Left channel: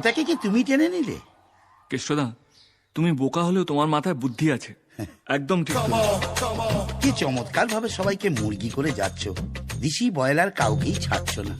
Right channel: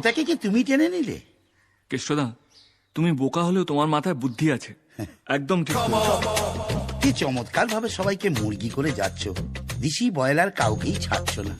সেটাকে কি তুমি টেনে নিলে? কেষ্টদা, তুমি বোকা হলেও তোমার মাথায় বুদ্ধি আছে, একদম ঠিক বলেছো। কি চমৎকার ভাবে সবাইকে মুরগি করে যাচ্ছ, দিশি বয়লার কাউকেই ছাড়ছ না।